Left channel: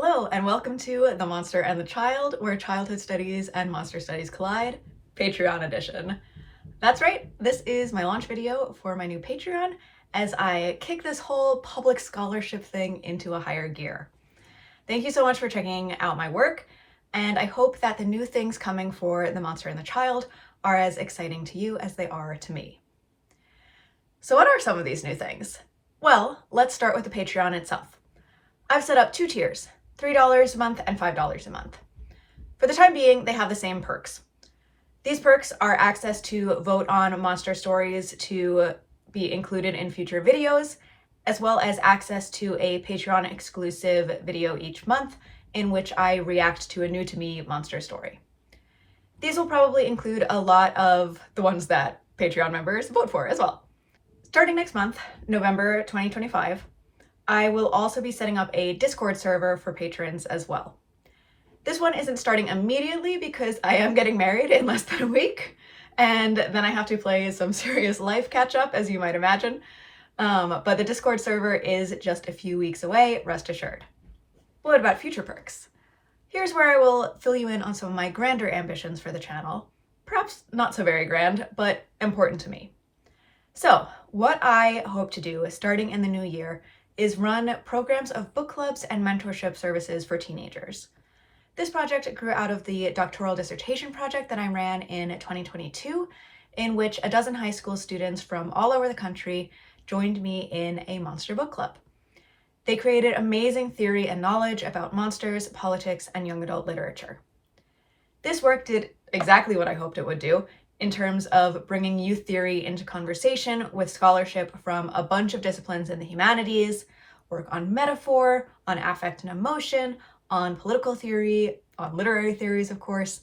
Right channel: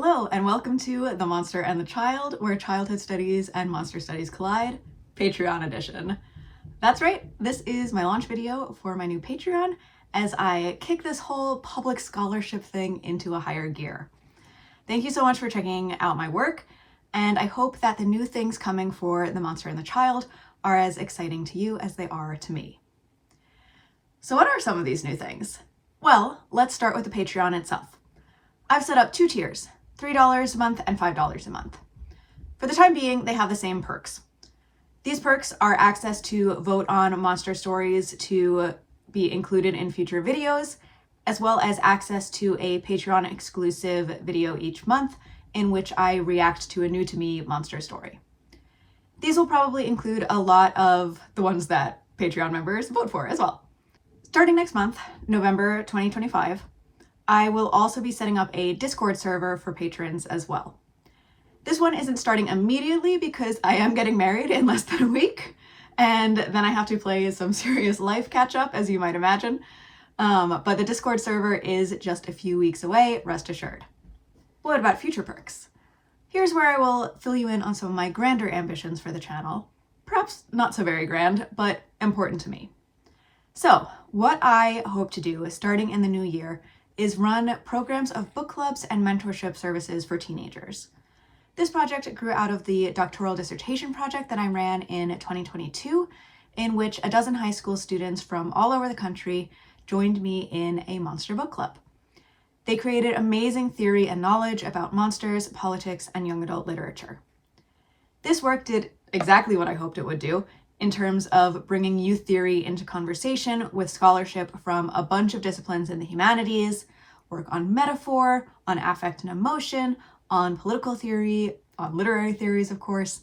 Hello, and welcome to The Monster and the Child, where childhood studies and monster studies collide, Patreon edition. That's right, this is my launch video for my new Patreon as I kick this whole public scholarship thing into a higher gear. Thank you so much for checking out my work, and I hope that the new things coming for The Monster and the Child are as exciting to you as they are to me. So what are some of these new things? Well, let's start with the Patreon itself. I've set up 2 tiers, $3 a month and $5 a month. For the time being, they have the same perks. These perks are access to vote on monster stories to be included in future videos, as well as access to a Patreon exclusive video each month in which I react to a new to me monster story. These will probably include a lot of the ones that Patreon members vote for as well. Starting next month, November 2025, I will also be setting up a Discord server for patrons as well. This one isn't starting immediately because I am getting married in less than a week, and then I have to play some serious life catch up, as you might imagine. But the Discord server is just a few weeks away, rest assured. What about future perks? Here's where I will fill you in on some of my grander ambitions for the channel. Perhaps not so very grand, but important to me. So, what I hope to do starting in the new year is run programs of book clubs and mentorship services for teenagers. This project grew out of the doctoral dissertation project that I ran in 2022, in which a dozen high school students from all over the country joined me in a monster book club. They created amazing theory and knowledge about monsters, politics, and young adult literature. This work did exactly what I hoped it would do, in terms of bringing youth theory into conversation with scholarship from a bunch of disciplines in the humanities, work on metaphor, on affect and emotion, on political theory, on literary theories, of course,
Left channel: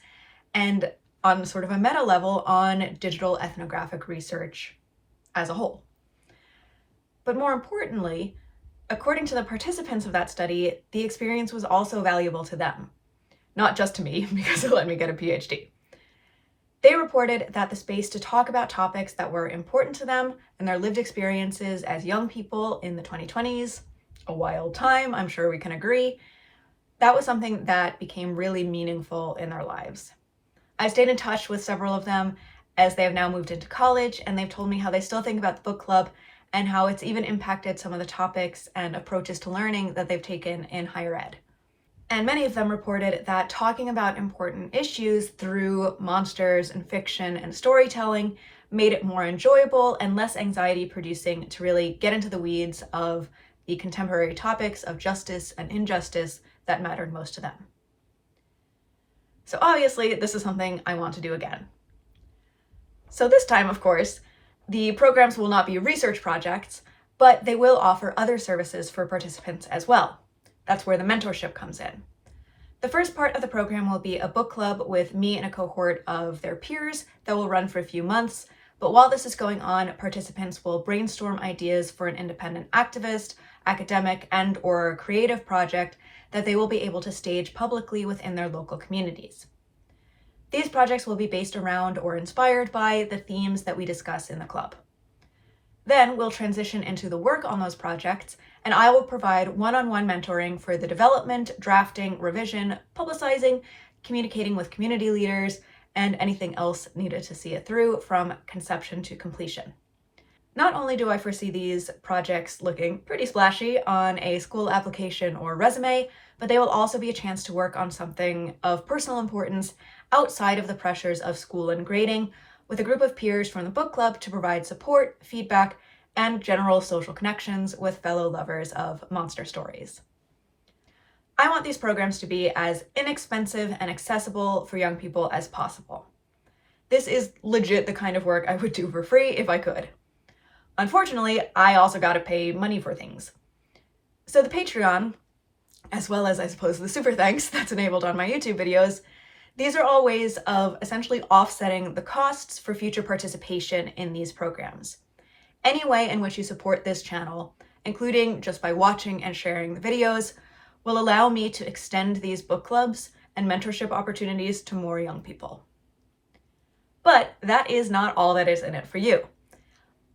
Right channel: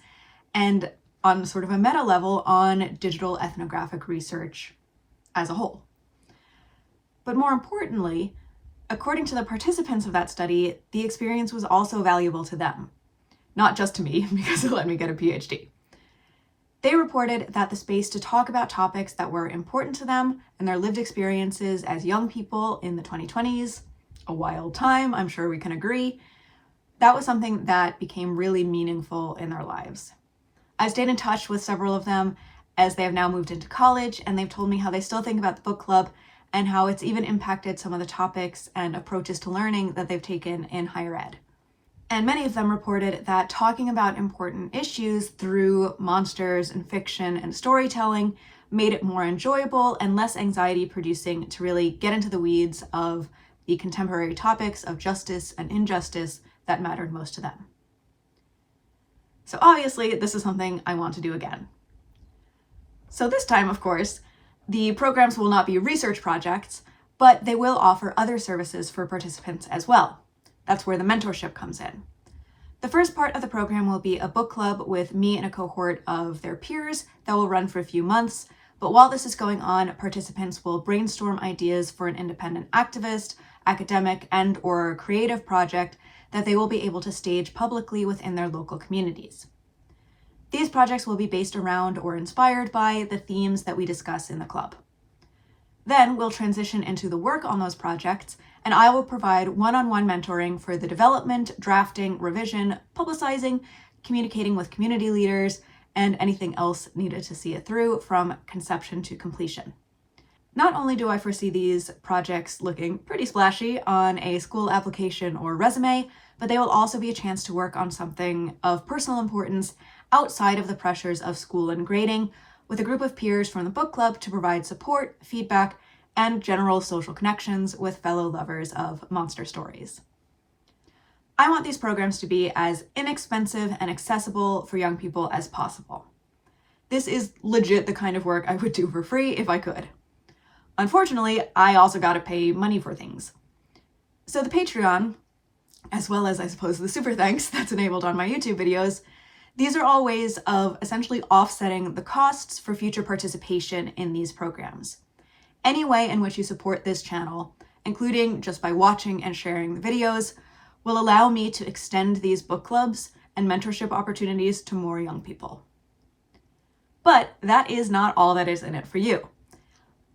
and on sort of a meta level on digital ethnographic research as a whole. But more importantly, according to the participants of that study, the experience was also valuable to them, not just to me, because it let me get a PhD. They reported that the space to talk about topics that were important to them and their lived experiences as young people in the 2020s, a wild time, I'm sure we can agree, that was something that became really meaningful in their lives. I've stayed in touch with several of them as they have now moved into college, and they've told me how they still think about the book club and how it's even impacted some of the topics and approaches to learning that they've taken in higher ed. And many of them reported that talking about important issues through monsters and fiction and storytelling made it more enjoyable and less anxiety producing to really get into the weeds of the contemporary topics of justice and injustice that mattered most to them. So obviously, this is something I want to do again. So this time, of course, the programs will not be research projects, but they will offer other services for participants as well. That's where the mentorship comes in. The first part of the program will be a book club with me and a cohort of their peers that will run for a few months. But while this is going on, participants will brainstorm ideas for an independent activist, academic, and/or creative project that they will be able to stage publicly within their local communities. These projects will be based around or inspired by the themes that we discuss in the club. Then we'll transition into the work on those projects, and I will provide one-on-one mentoring for the development, drafting, revision, publicizing, communicating with community leaders, and anything else needed to see it through from conception to completion. Not only do I foresee these projects looking pretty splashy on a school application or resume, but they will also be a chance to work on something of personal importance outside of the pressures of school and grading, with a group of peers from the book club to provide support, feedback, and general social connections with fellow lovers of monster stories. I want these programs to be as inexpensive and accessible for young people as possible. This is legit the kind of work I would do for free if I could. Unfortunately, I also gotta pay money for things. So the Patreon, as well as I suppose the super thanks that's enabled on my YouTube videos, these are all ways of essentially offsetting the costs for future participation in these programs. Any way in which you support this channel, including just by watching and sharing the videos, will allow me to extend these book clubs and mentorship opportunities to more young people. But that is not all that is in it for you.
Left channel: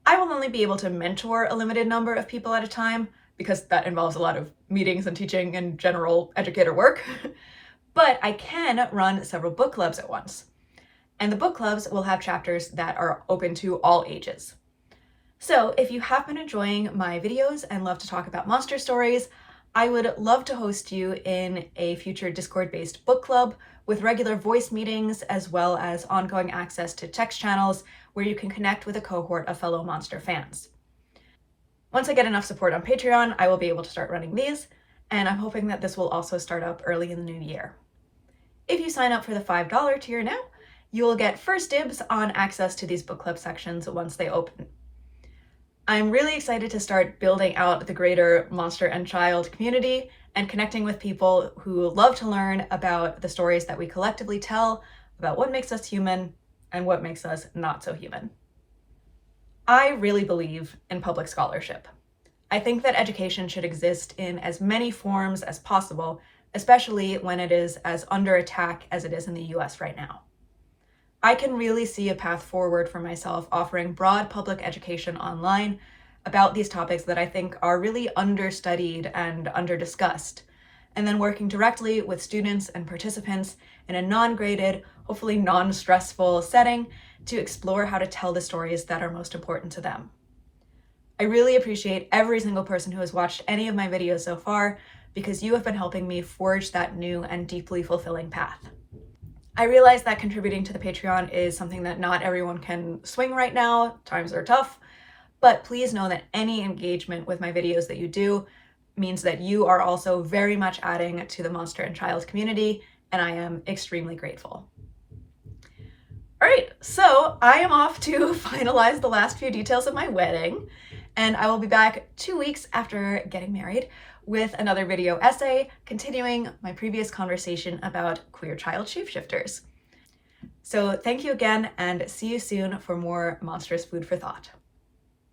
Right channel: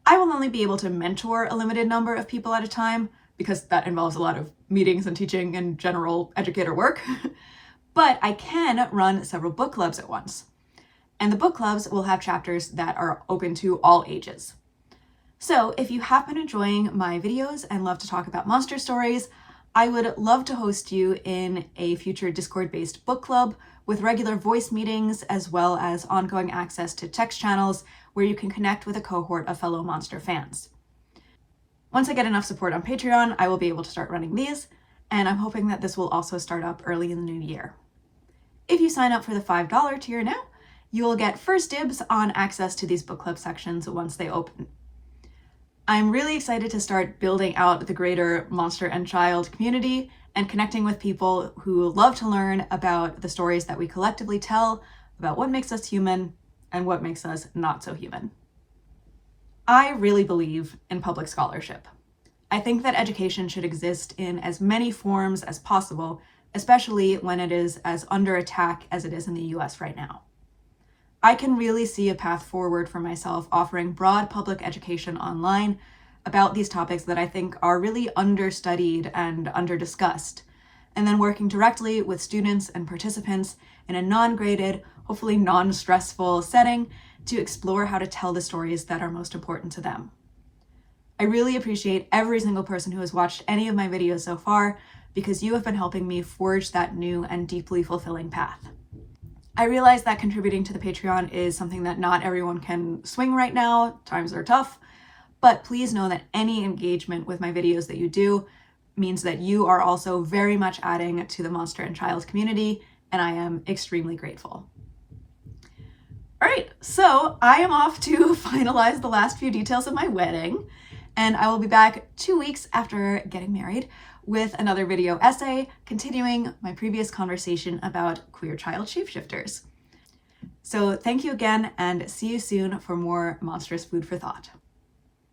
I will only be able to mentor a limited number of people at a time because that involves a lot of meetings and teaching and general educator work. But I can run several book clubs at once. And the book clubs will have chapters that are open to all ages. So if you have been enjoying my videos and love to talk about monster stories, I would love to host you in a future Discord-based book club with regular voice meetings, as well as ongoing access to text channels where you can connect with a cohort of fellow monster fans. Once I get enough support on Patreon, I will be able to start running these, and I'm hoping that this will also start up early in the new year. If you sign up for the $5 tier now, you will get first dibs on access to these book club sections once they open. I'm really excited to start building out the greater Monster and Child community and connecting with people who love to learn about the stories that we collectively tell, about what makes us human and what makes us not so human. I really believe in public scholarship. I think that education should exist in as many forms as possible, especially when it is as under attack as it is in the US right now. I can really see a path forward for myself offering broad public education online about these topics that I think are really understudied and under-discussed, and then working directly with students and participants in a non-graded, hopefully non-stressful setting to explore how to tell the stories that are most important to them. I really appreciate every single person who has watched any of my videos so far, because you have been helping me forge that new and deeply fulfilling path. I realize that contributing to the Patreon is something that not everyone can swing right now, times are tough, but please know that any engagement with my videos that you do means that you are also very much adding to the Monster and Child community, and I am extremely grateful. All right, so I am off to finalize the last few details of my wedding, and I will be back 2 weeks after getting married with another video essay, continuing my previous conversation about queer child shapeshifters. So thank you again, and see you soon for more monstrous food for thought.